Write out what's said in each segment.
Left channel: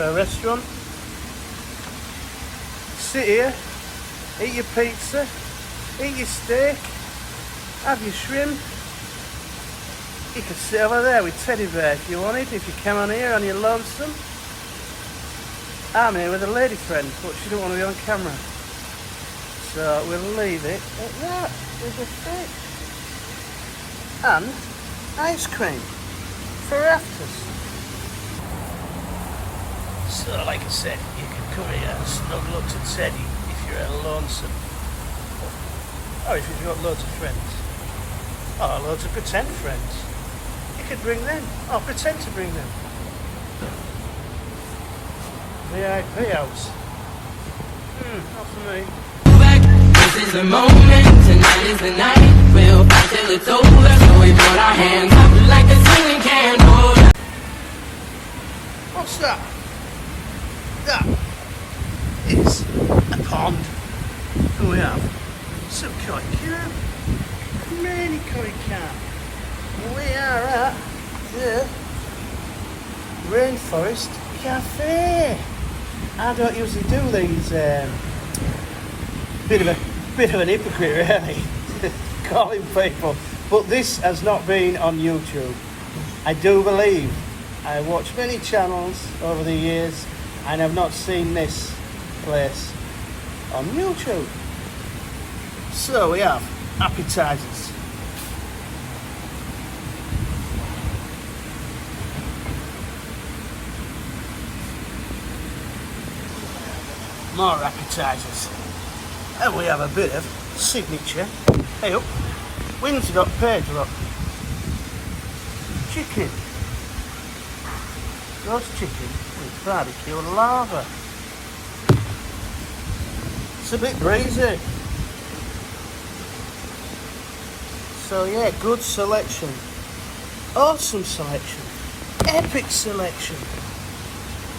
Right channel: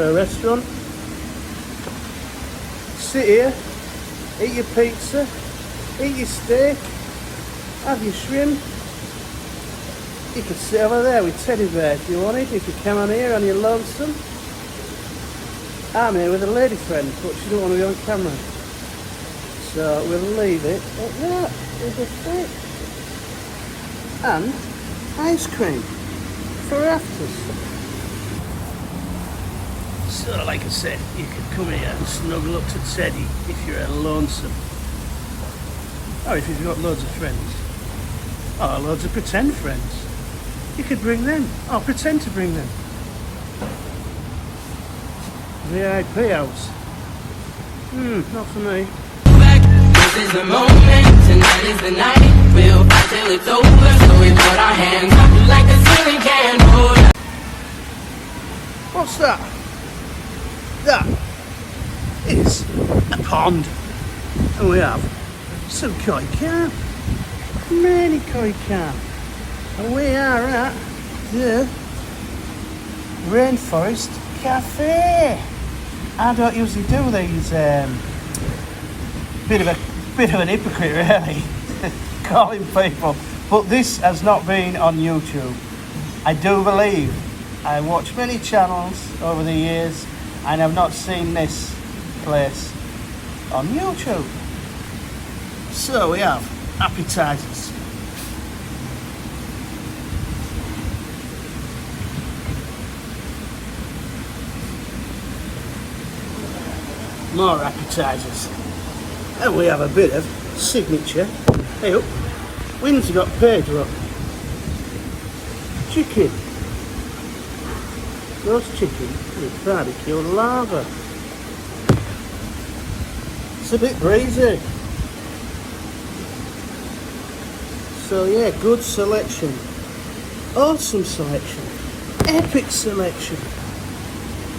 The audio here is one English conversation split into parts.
for a restaurant. Sit here, eat your pizza, eat your steak, have your shrimp. You could sit over there with Teddy Bear if you wanted, if you came on here and you're lonesome. I'm here with a lady friend, but she don't want to be on camera. So we'll leave it at that. There's a fit. And ice cream for afters. So like I said, you could come here and snuggle up to Teddy if you're lonesome. Or if you've got loads of friends. Or loads of pretend friends. You could bring them, or pretend to bring them. VIP house. Not for me. This is the moment, tonight is the night. We'll fight till it's over, so we put our hands up like a ceiling candle. What's that? That is a pond. And we have some koi carp. Many koi carp. And we are at the Rainforest Cafe. I don't usually do these. Bit of an hypocrite, really, calling people. But this has not been on YouTube. I do believe I watched many channels over the years and I've not seen this place on YouTube. So we have appetizers. More appetizers. And we have a bit of signature. Hey up, Wynn's got paid, look. Chicken. Roast chicken with barbecue and lava. It's a bit breezy. So yeah, good selection. Awesome selection. Epic selection.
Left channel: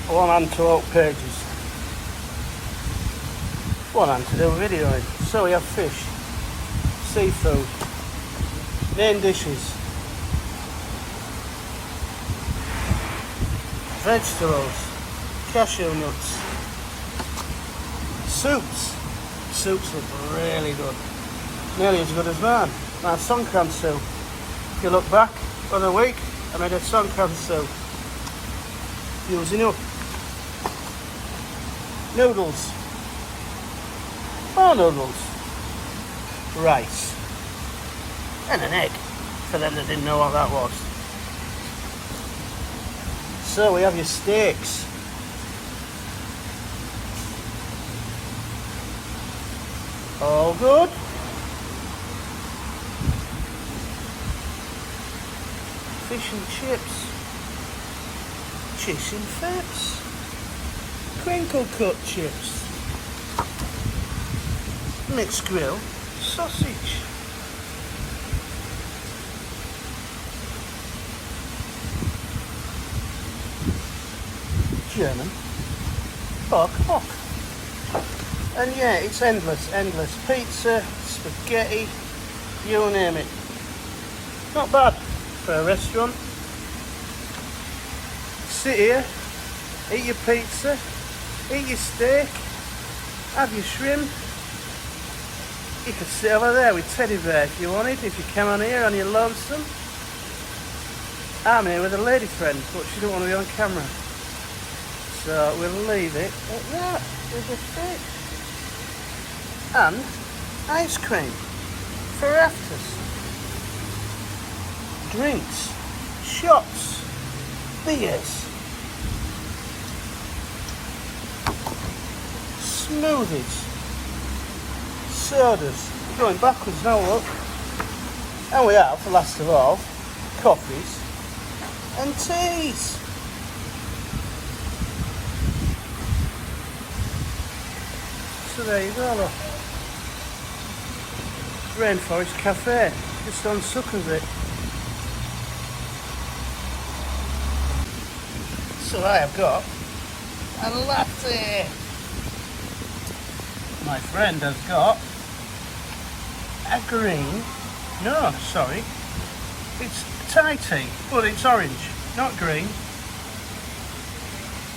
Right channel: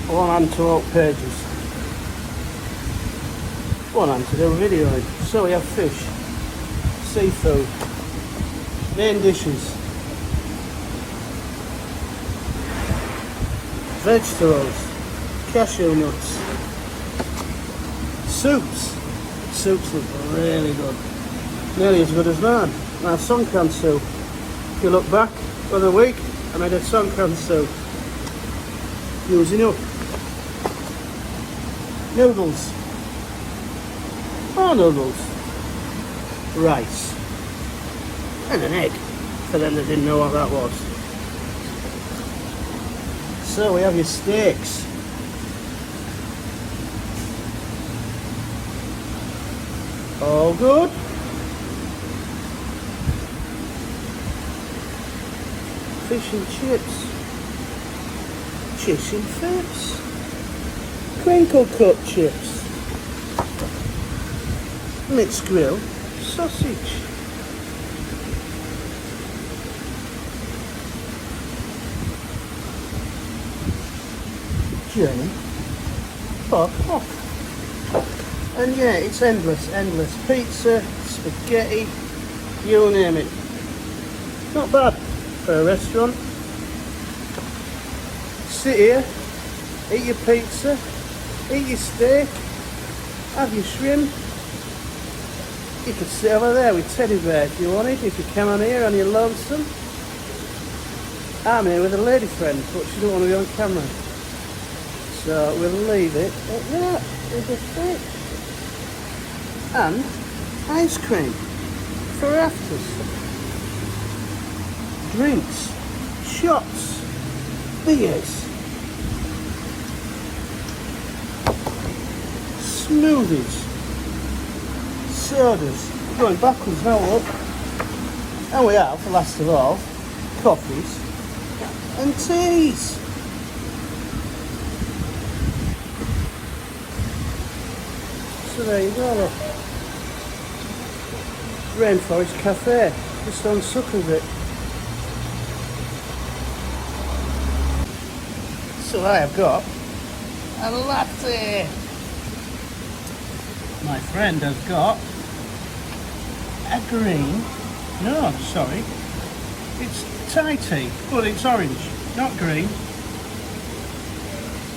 One hand to oak pages. One hand to do video in. So we have fish, seafood, main dishes, vegetables, cashew nuts, soups. Soups are really good. Nearly as good as mine. My songkran soup. If you look back for the week, I made a songkran soup. Using up. Noodles. Noodles, rice, and an egg, for them that didn't know what that was. So we have your steaks. All good. Fish and chips. Chips and fats. Crinkle cut chips. Mixed grill sausage. German pork hock. And yeah, it's endless. Pizza, spaghetti, you name it. Not bad for a restaurant. Sit here, eat your pizza, eat your steak, have your shrimp. You could sit over there with Teddy Bear if you wanted, if you came on here and you're lonesome. I'm here with a lady friend, but she don't want to be on camera. So we'll leave it at that. There's a fit. And ice cream for afters. Drinks, shots, beers, smoothies. Sodas, going backwards now, look. And we have, last of all, coffees and teas. So there you go, look. Rainforest Cafe, just on Suckleville. So I have got a latte. My friend has got a green, no, sorry, it's Thai tea, but it's orange, not green.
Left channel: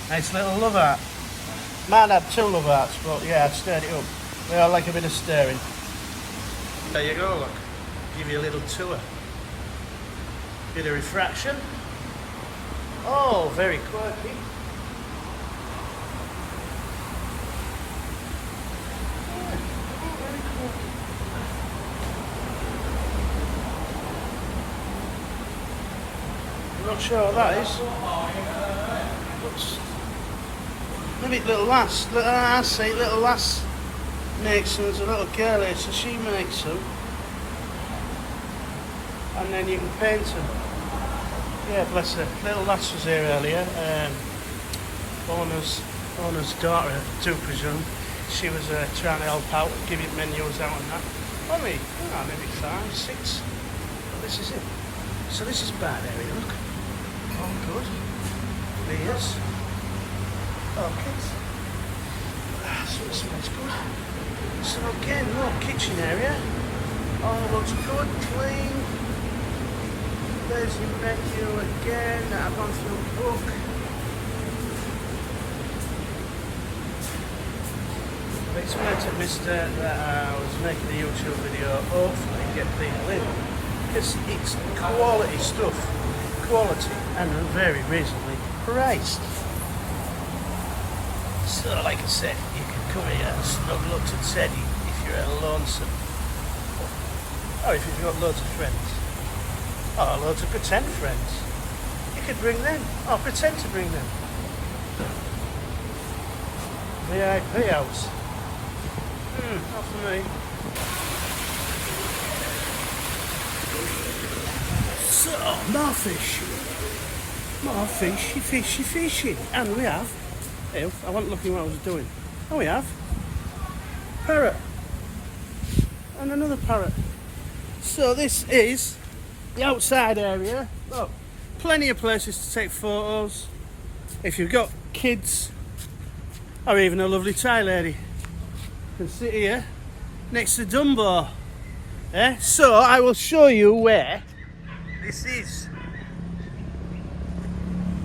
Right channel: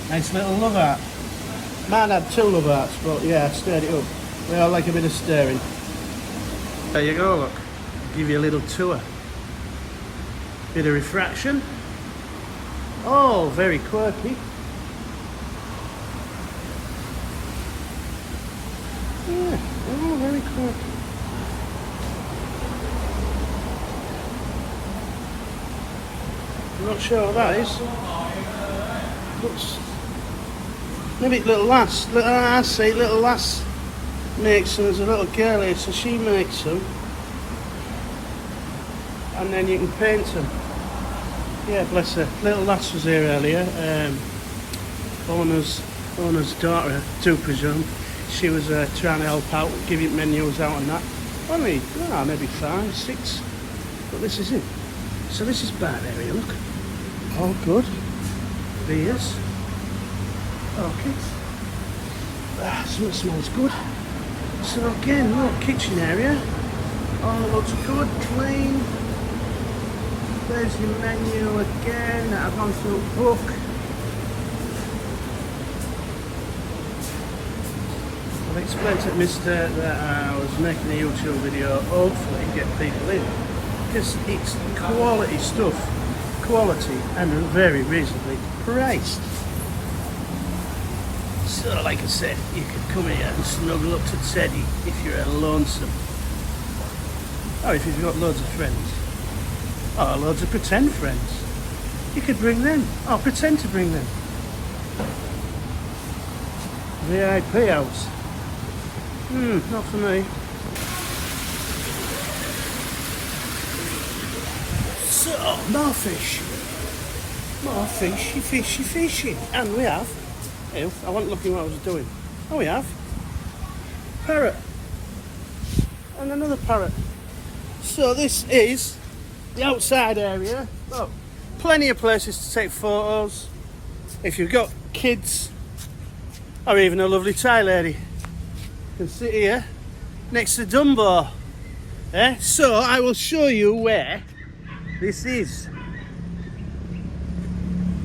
Nice little love art. Might have 2 love arts, but yeah, I've stirred it up. They all like a bit of stirring. There you go, look. Give you a little tour. Bit of refraction. Oh, very quirky. Yeah, oh, very quirky. I'm not sure what that is. Looks, maybe little lass. I see little lass makes them. There's a little girl here, so she makes them, and then you can paint them. Yeah, bless her. Little lass was here earlier. Owner's daughter, I do presume. She was trying to help out, giving menus out and that. Only, maybe 5, 6. But this is it. So this is bad area, look. All good. Beers. Orchids. Something smells good. So again, look, kitchen area. All looks good, clean. There's your menu again that I've gone through a book. I've explained to Mister that I was making a YouTube video, hopefully get people in. Because it's quality stuff. Quality and very reasonably priced. So like I said, you can come here and snuggle up to Teddy if you're lonesome. Or if you've got loads of friends. Or loads of pretend friends. You could bring them. Or pretend to bring them. VIP house. Not for me. So, more fish. More fishy. And we have... Ew, I wasn't looking what I was doing. Oh, we have... parrot. And another parrot. So this is the outside area. Look, plenty of places to take photos. If you've got kids, or even a lovely Thai lady, you can sit here next to Dumbo. So I will show you where this is.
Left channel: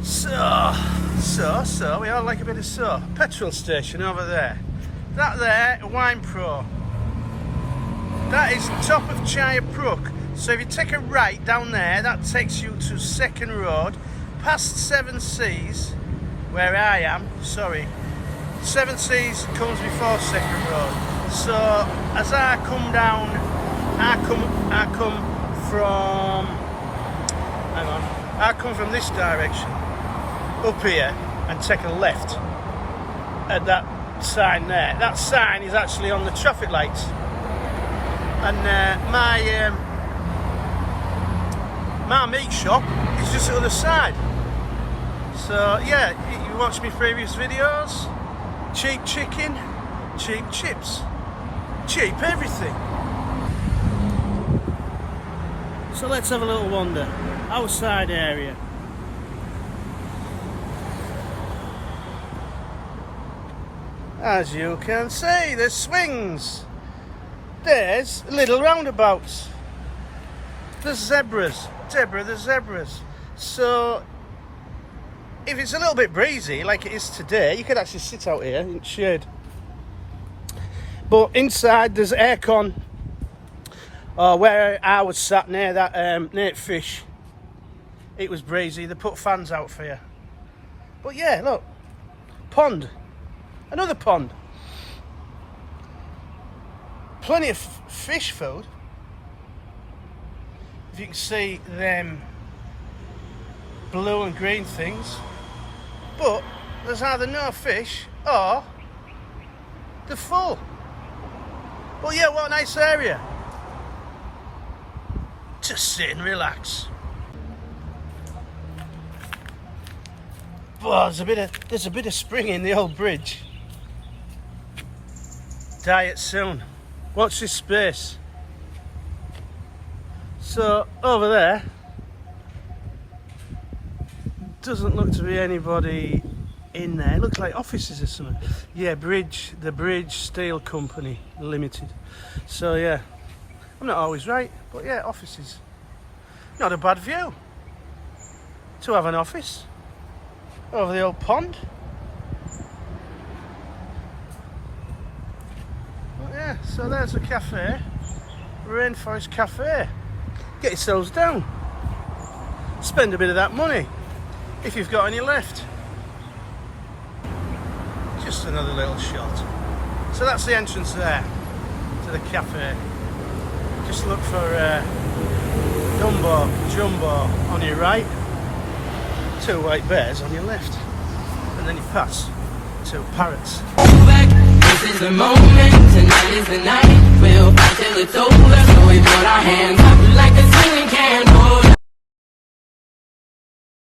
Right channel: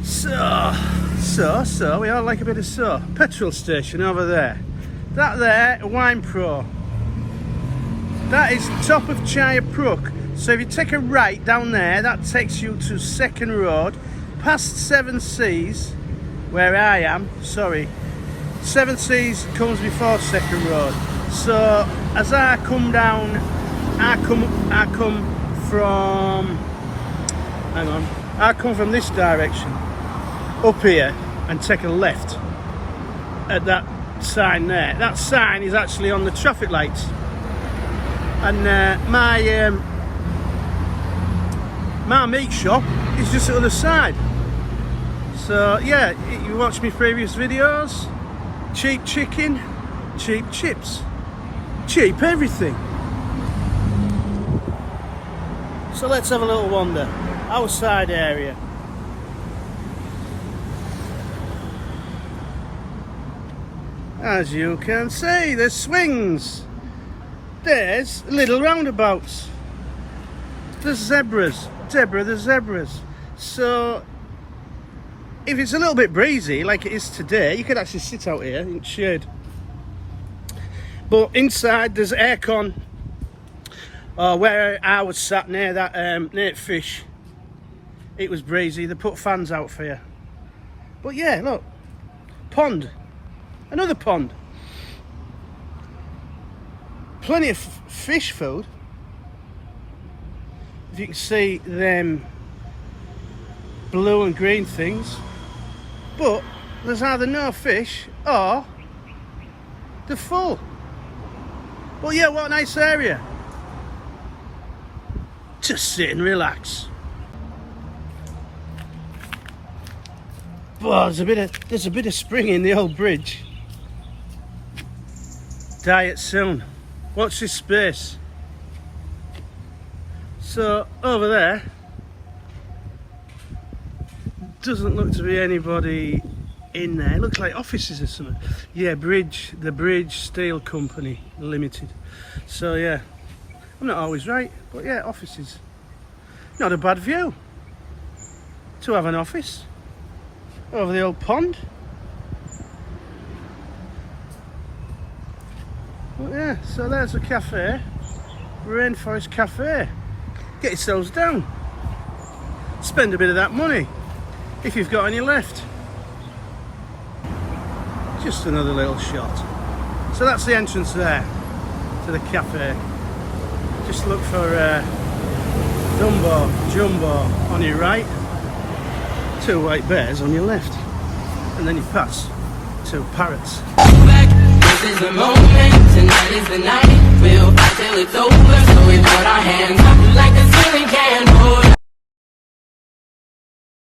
So we all like a bit of petrol station over there. That there, Wine Pro. That is top of Chaya Brook. So if you take a right down there, that takes you to Second Road, past Seven Seas, where I am. Sorry, Seven Seas comes before Second Road. So as I come down, I come from. Hang on. I come from this direction, up here, and take a left at that sign there. That sign is actually on the traffic lights. And my meat shop is just the other side. So yeah, you watch my previous videos. Cheap chicken, cheap chips, cheap everything. So let's have a little wander. Outside area. As you can see, there's swings. There's little roundabouts. There's zebras. Deborah, there's zebras. So if it's a little bit breezy like it is today, you could actually sit out here in shade. But inside there's aircon. Where I was sat near that near fish, it was breezy. They put fans out for you. But yeah, look, pond, another pond. Plenty of fish food. If you can see them blue and green things, but there's either no fish or they're full. Well, yeah, what a nice area. Just sit and relax. Well, there's a bit of spring in the old bridge. Diet soon. Watch this space. So over there doesn't look to be anybody in there. It looks like offices or something. Yeah, the Bridge Steel Company Limited. So yeah, I'm not always right, but yeah, offices. Not a bad view to have an office over the old pond. Yeah, so there's the cafe, Rainforest Cafe. Get yourselves down. Spend a bit of that money if you've got any left. Just another little shot. So that's the entrance there to the cafe. Just look for Jumbo on your right, 2 white bears on your left, and then you pass 2 parrots. This is the moment, tonight is the night. We'll fight till it's over, so we put our hands up like a ceiling can.